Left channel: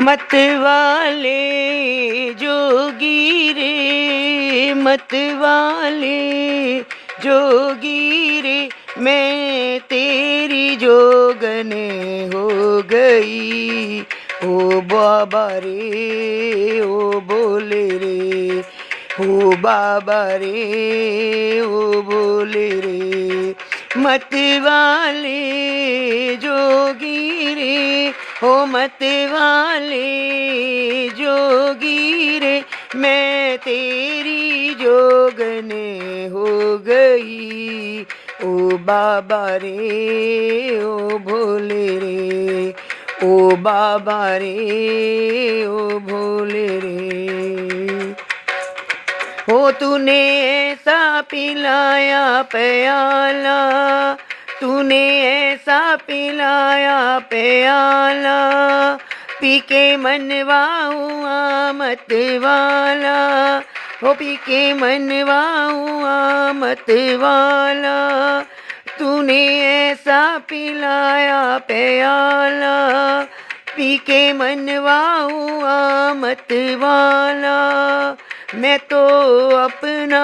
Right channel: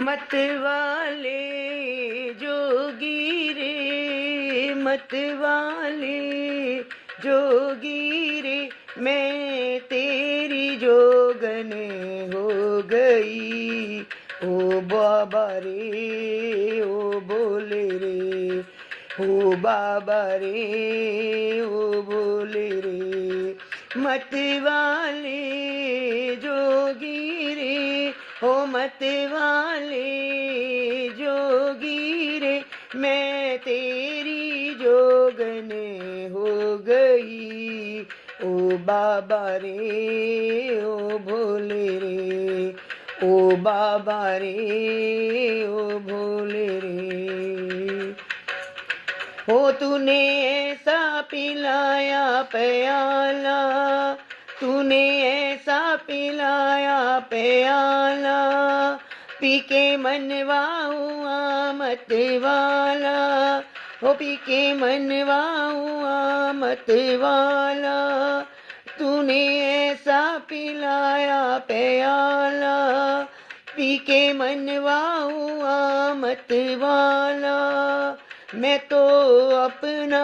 मत वाले जोगी रे, मत वाले जोगी रे, मैं तेरी जोगन हो गई। ओ बाबा रे ओ बोले रे, ओ बाबा रे ओ बोले रे। मत वाले जोगी रे, ओ मत वाले जोगी रे, मैं तेरी जोगन हो गई। ओ बाबा रे ओ भोले रे, ओ बाबा रे ओ भोले रे। हो तूने ऐसा पिलाया प्याला, तूने ऐसा पिलाया प्याला, पी के मनवा हुआ मत वाला, हो पी के मनवा हुआ मत वाला। तूने ऐसा पिलाया प्याला, पी के मनवा हुआ मत वाला। मैं तो अपना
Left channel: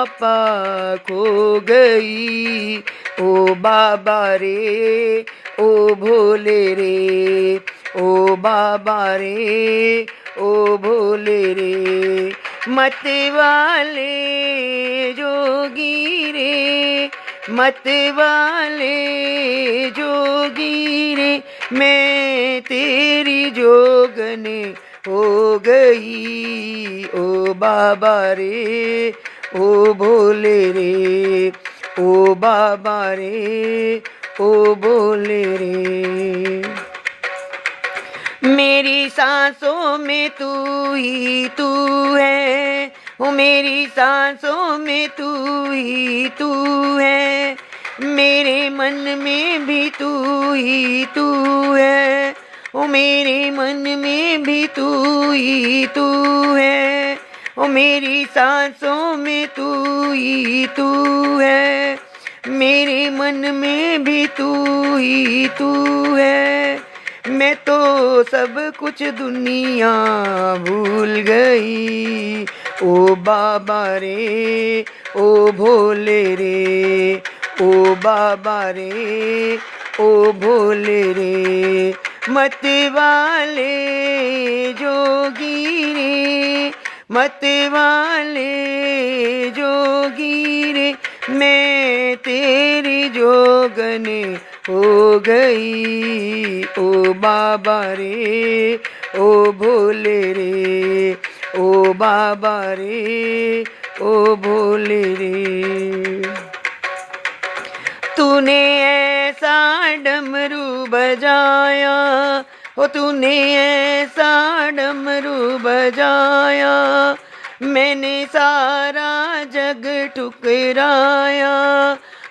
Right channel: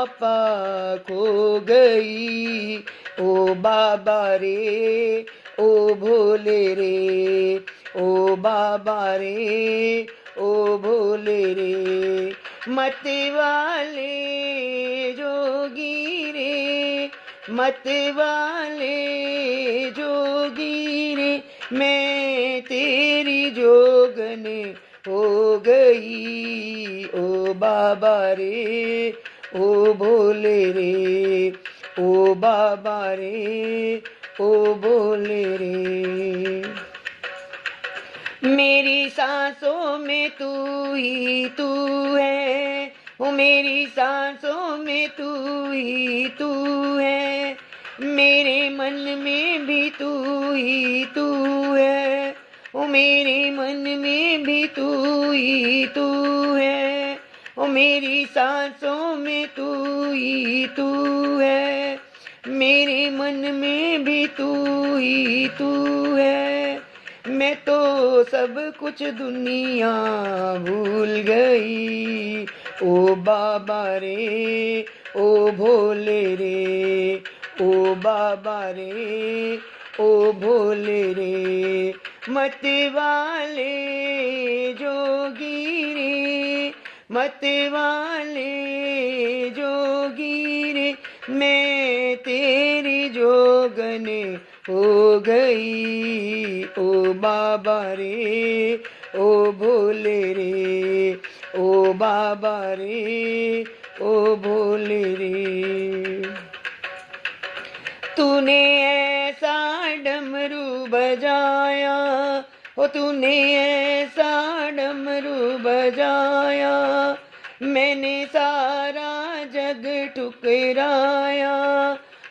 आपा खो गई। ओ बाबा रे ओ भोले रे, ओ बाबा रे ओ भोले रे। मत वाले जोगी रे, मत वाले जोगी रे, मैं तेरी जोगन हो गई। ओ बाबा रे ओ भोले रे, ओ बाबा रे ओ भोले रे। मेरी सांसों में तू ही तू है, ओ मेरी सांसों में तू ही तू है, मेरे मन में भी तू ही तू है, ओ मेरे मन में भी तू ही तू है, ओ मेरी सांसों में तू ही तू है, मेरे मन में भी तू ही तू है। मैं तो सब कुछ दुनिया भूल गई। ओ बाबा रे ओ भोले रे, ओ बाबा रे ओ भोले रे। मत वाले जोगी रे, मत वाले जोगी रे, मैं तेरी जोगन हो गई। ओ बाबा रे ओ भोले रे, ओ बाबा रे ओ भोले रे। तूने ऐसा डमरू बजाया, ओ तूने ऐसा डमरू बजाया, मैंने सारा जग ठुकराया,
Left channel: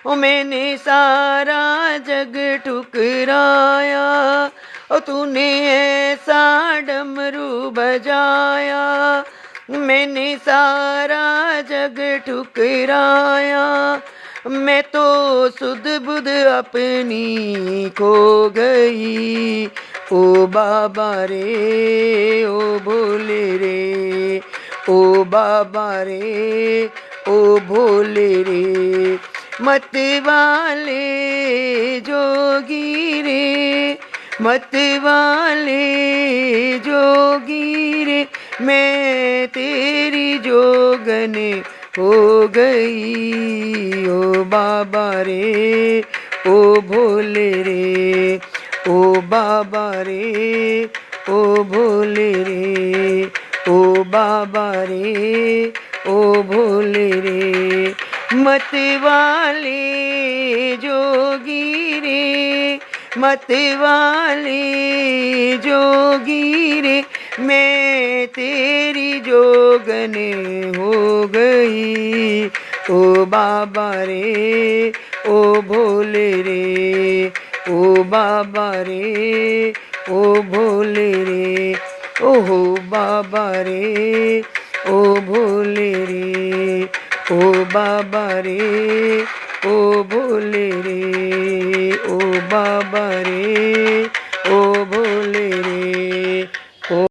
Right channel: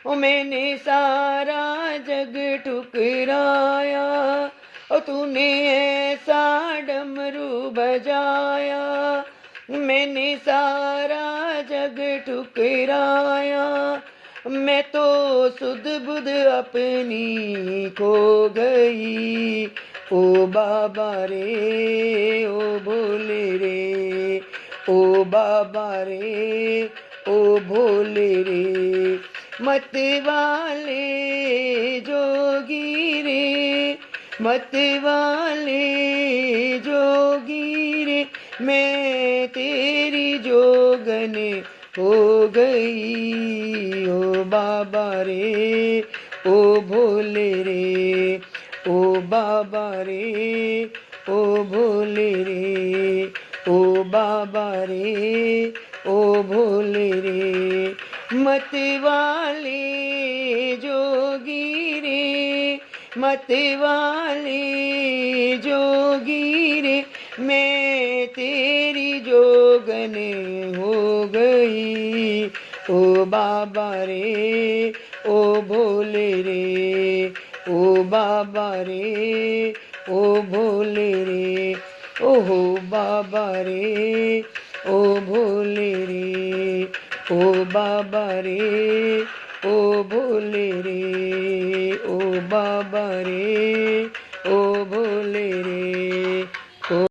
ओ मैंने सारा जग ठुकराया। ओ तूने ऐसा डमरू बजाया, मैंने सारा जग ठुकराया। मैं तो सुध बुध अपनी खो गई। ओ बाबा रे ओ भोले रे, ओ बाबा रे ओ भोले रे। मत वाले जोगी रे, मत वाले जोगी रे, मैं तेरी जोगन हो गई। ओ बाबा रे ओ भोले रे, ओ बाबा रे ओ भोले रे, ओ बाबा रे ओ भोले रे। मत वाले जोगी रे, मत वाले जोगी रे, मैं तेरी जोगन हो गई। ओ बाबा रे ओ भोले रे, ओ बाबा रे ओ भोले रे। ओहो बाबा रे ओ भोले रे, ओ बाबा रे ओ भोले रे, ओ बाबा रे।